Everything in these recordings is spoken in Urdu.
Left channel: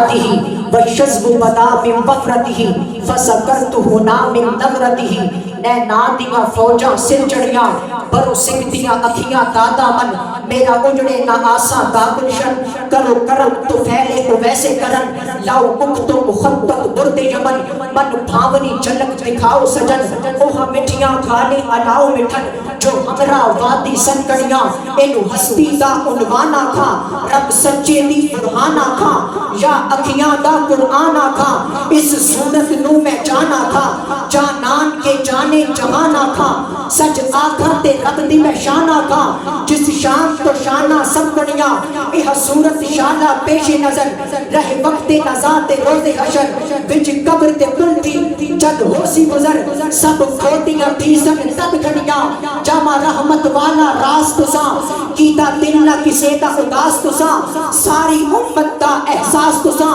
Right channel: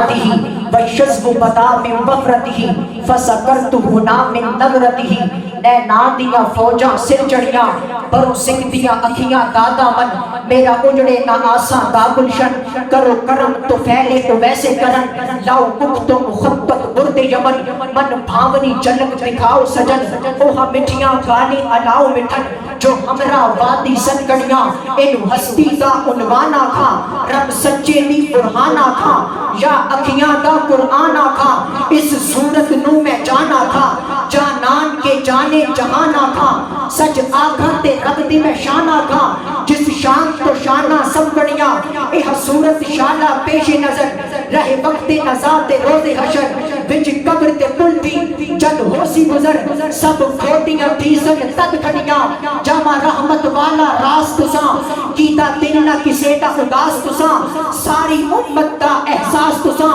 بعده والشذب بدا من وفرته فسکرته نام من نظرته اے نادیاں فوجاں سر چڑیاں برو سکھدیاں اکھیاں دادا من میرا اجڑے نہ آساں دا گلشن کرو کرم تو پھیلے تو ویسے کرن لاؤ مکھ تو مخبت برد یمن من بھاونی جھلک دکھاؤ سجن اوہا مٹھیاں گالی الاؤ مٹھن جو ہمراہ وادی سنکڑیاں اینو ہستی دا عنوان آکھا رب سچے دی برہان آکھا یا اکھیاں دا قرآن آکھا اس صورت نو میں جان آکھا جانان کے جانے جہان آکھا سچ آکھا تے رب دی میں شان آکھا جس شان تو شانہ سب بڑیاں یہ صورت شانہ پیش نظر رہے وقت نزات روز حشر بچ قبر تے پل تھی جد ہو سی گزر سب کھوتیاں تھی سن تد کھڑیاں جامع رحمت والا راست تساں کیتا دل نہ کسے دا اداس تساں ساری امت دا احساس تساں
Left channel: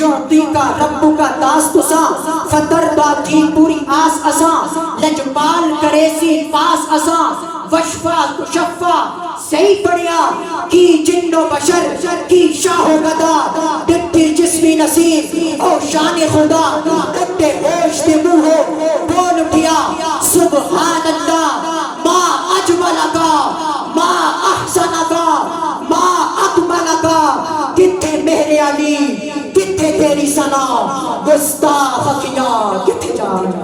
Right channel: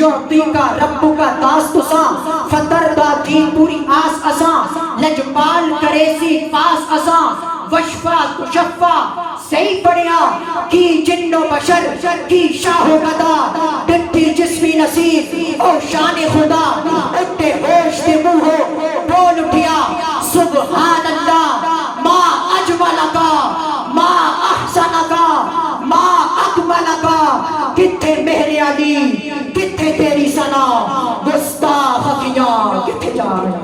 یعطی کا رب کا داس تساں فطر دا تھی پوری آس اساں لجپال کرے سی پاس اساں وشفا کشفا صحیح پڑیا کی جن و بشر کی شاہ و گدا ڈٹھی جسمی نصیر او شان خدا اٹھے ہوش دے منہ ہو بول اٹھیا سبحان اللہ ما اجمل کا ما احسن کا ما اکمل کا کتھے میرے علی کتھے تیری ثنا گستاخ اکھیاں کتھے جا رہا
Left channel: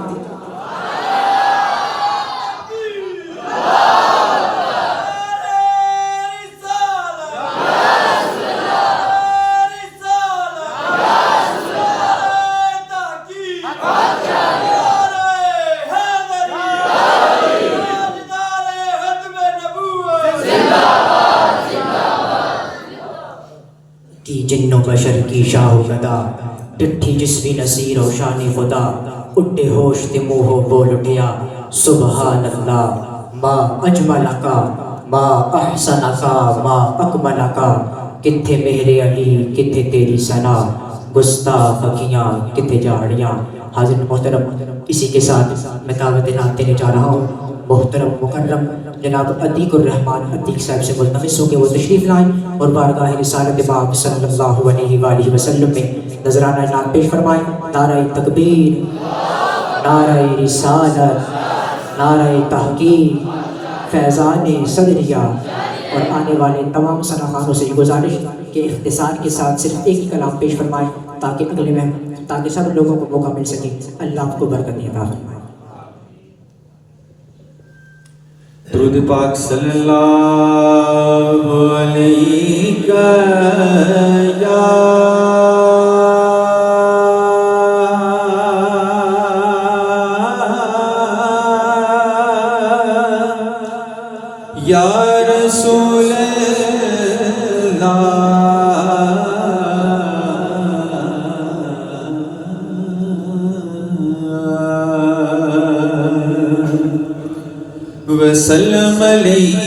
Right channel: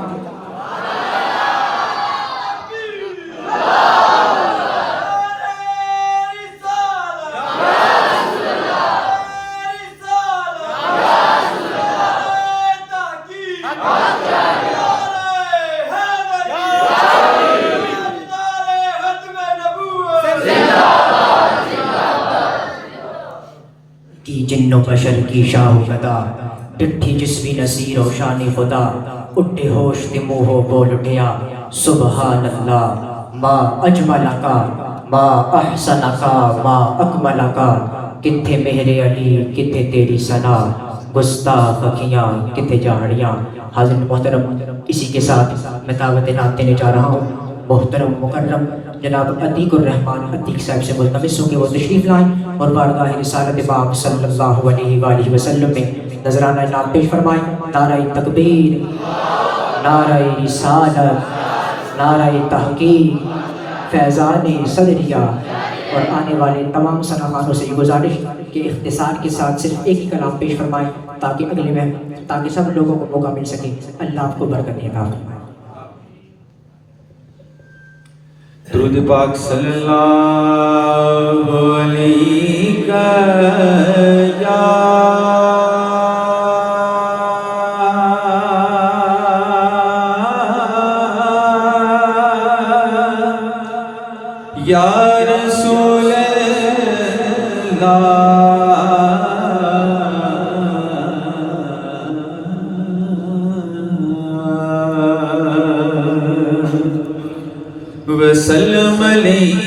جن و بشر کی شاہ و گدا ڈٹھی جسمی نصیر و شان خدا اٹھے ہوش تے منہ بول اٹھیا سبحان اللہ ما اجمل کا ما احسن کا ما اکمل کا کتھے میرے علی کتھے تیری ثنا گستاخ اکھیاں کتھے جھاڑیاں۔ حاضر محترم اسی کے ساتھ میں دعوت نعت دینے جا رہا ہوں محترم مکرم جناب عتیق الرحمن عتیق صاحب سے ملتمس ہوں کہ وہ تشریف لائیں اور بارگاہ رسالت پاک صلی اللہ علیہ وآلہ وسلم میں نذرانہ نعت پیش فرمائیں۔ نعرہ تکبیر، نعرہ رسالت، نعرہ تحقیق، فیضان صدریہ۔ اور آنے والے تمام سناخانوں سے یہ گزارش کہ اختصار کے ساتھ صرف ایک ہی کلام پیش فرمائیں تاکہ اگلے میں تاکہ سب لوگوں کو موقع مل سکے۔ اللہ آپ کو برکت عطا فرمائے۔ درود پاک صلی اللہ علیہ یا رسول وسلم علیکہ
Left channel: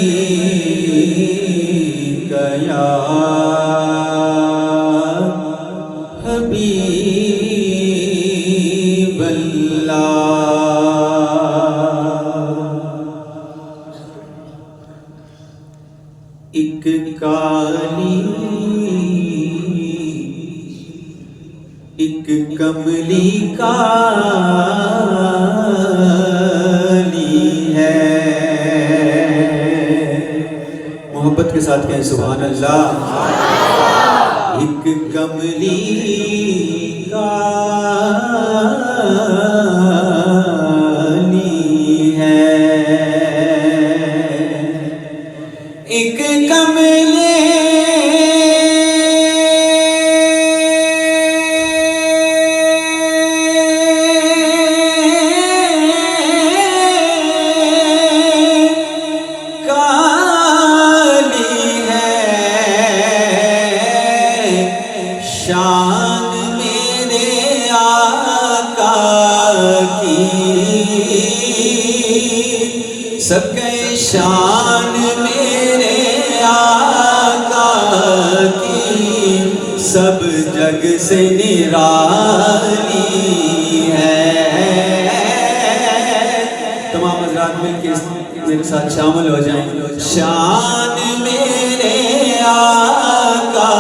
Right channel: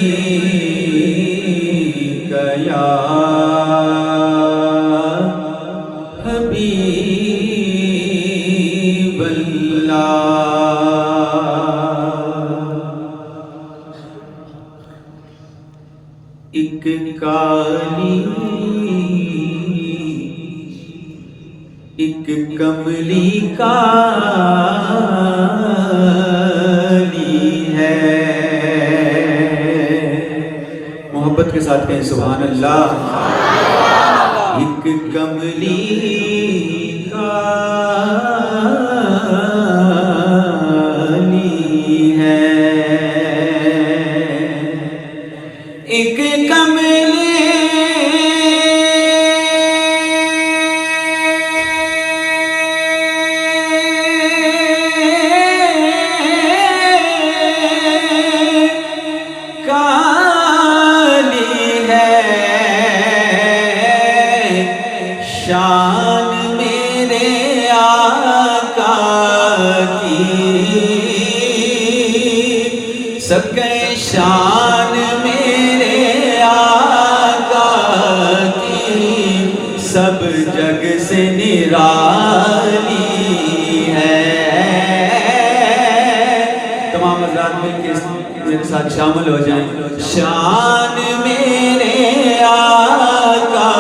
یا حبیب اللہ۔ ایک کالی ایک کملی کالی محبت کے ساتھ کہیں سبحان اللہ۔ ایک کملی کالی ہے، ایک کملی شان میرے آقا کی، سب کے شان میرے آقا کی، سب جگ سے نرالی ہے۔ تمام حضرات مل کے میرے ساتھ شامل ہو جائیں۔ شان میرے آقا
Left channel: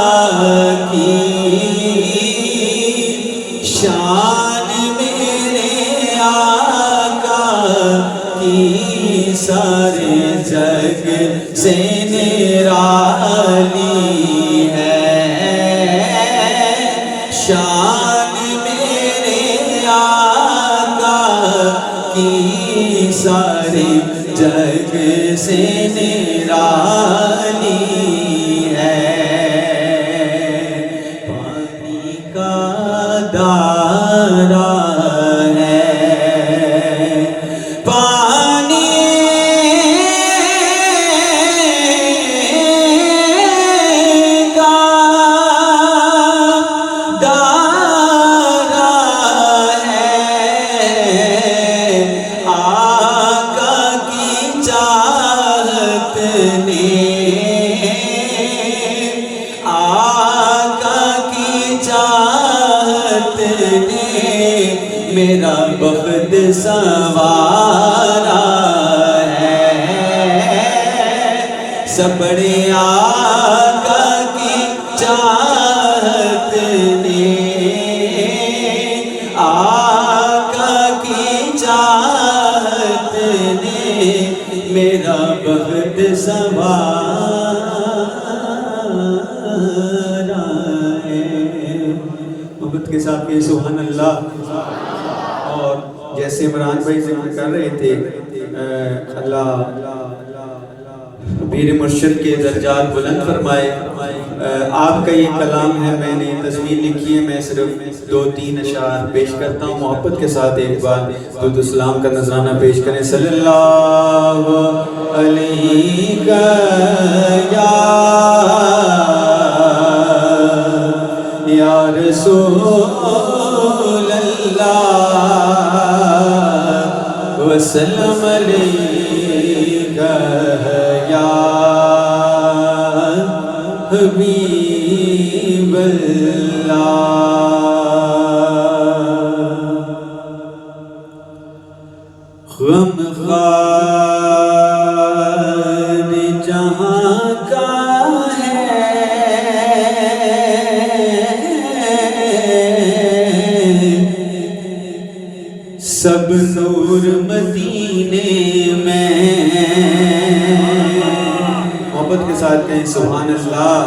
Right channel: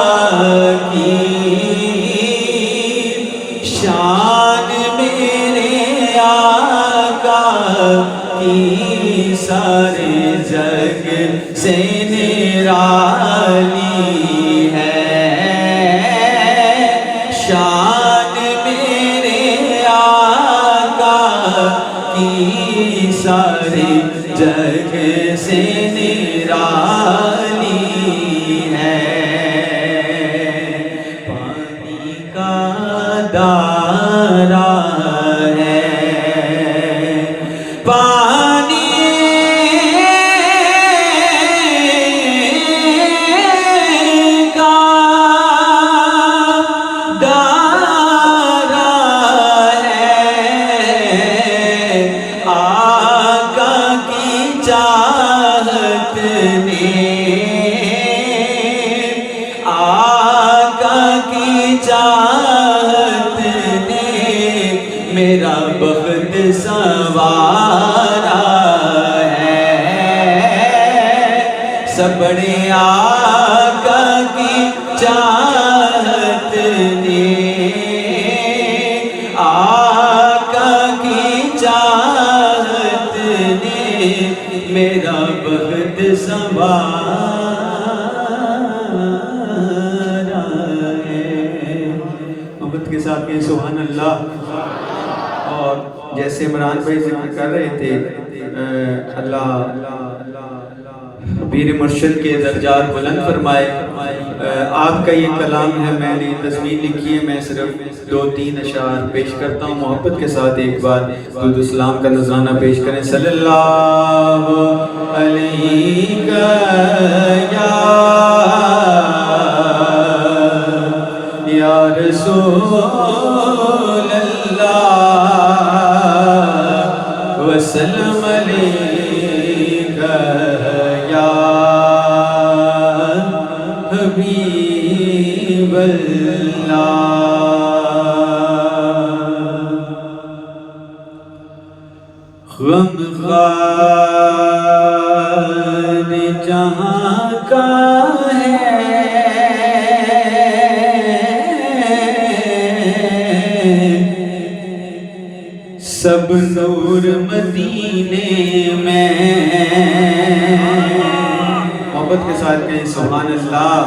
کی، سے نرالی ہے شان میرے آقا کی سارے جگ سے نرالی ہے پانی کا دارا ہے پانی کا دارا ہے آقا کی چاہت نے آقا کی چاہت نے میرا بخت سنوارا ہے سب بڑے آقا کی چاہت نے آقا کی چاہت نے میرا بخت سنوارا ہے محبت کے ساتھ یہ سبحان اللہ اور جیسے عمران بھائی ذکر کر رہے تھے اللہ پیر مرشد کے درجات بلند فرمائے آپ کا یہ کلام ہے میں نے تصویر لکھی ہے میں صرف 2-3 اشعار پیش کرتا ہوں محبت کے ساتھ ایک بار درود و سلام کا نذرانہ پیش کریں صلی اللہ علیہ یا رسول اللہ وسلم علیکہ یا حبیب اللہ غمخوار جہاں کا ہے سب نور مدینے میں محبت کے ساتھ کہیں سبحان اللہ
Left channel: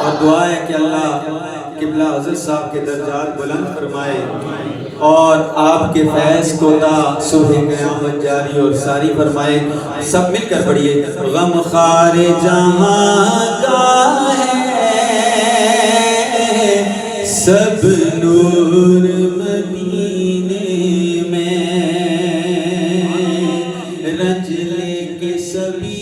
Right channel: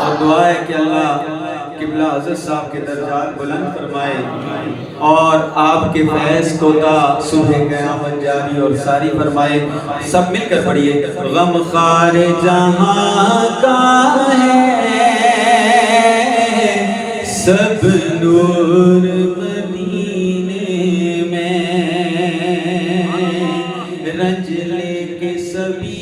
اور دعا ہے کہ اللہ قبلہ حضرت صاحب کے درجات بلند فرمائے اور آپ کے فیض کو تا صبح قیامت جاری اور ساری فرمائے سب مل کر پڑھیے غم خار جہاں کا ہے سب نور مدینے میں رنج لے کے سبھی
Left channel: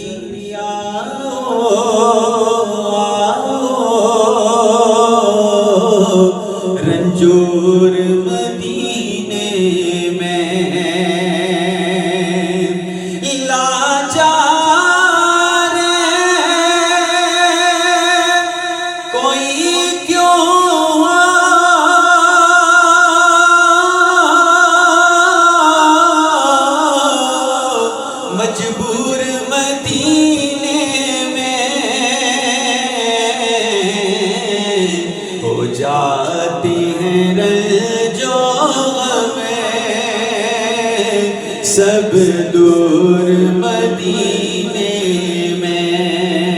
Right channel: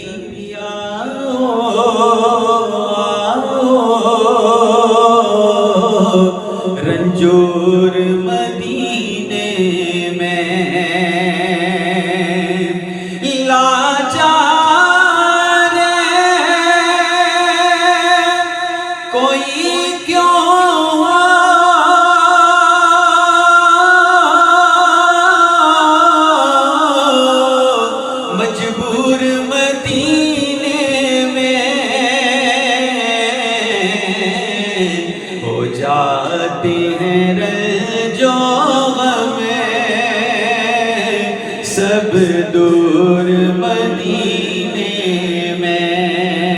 رنجور مدینے میں لاچار کوئی کیوں مجبور مدینے میں ہو جاتے ہیں رنجوں میں سب دور مدینے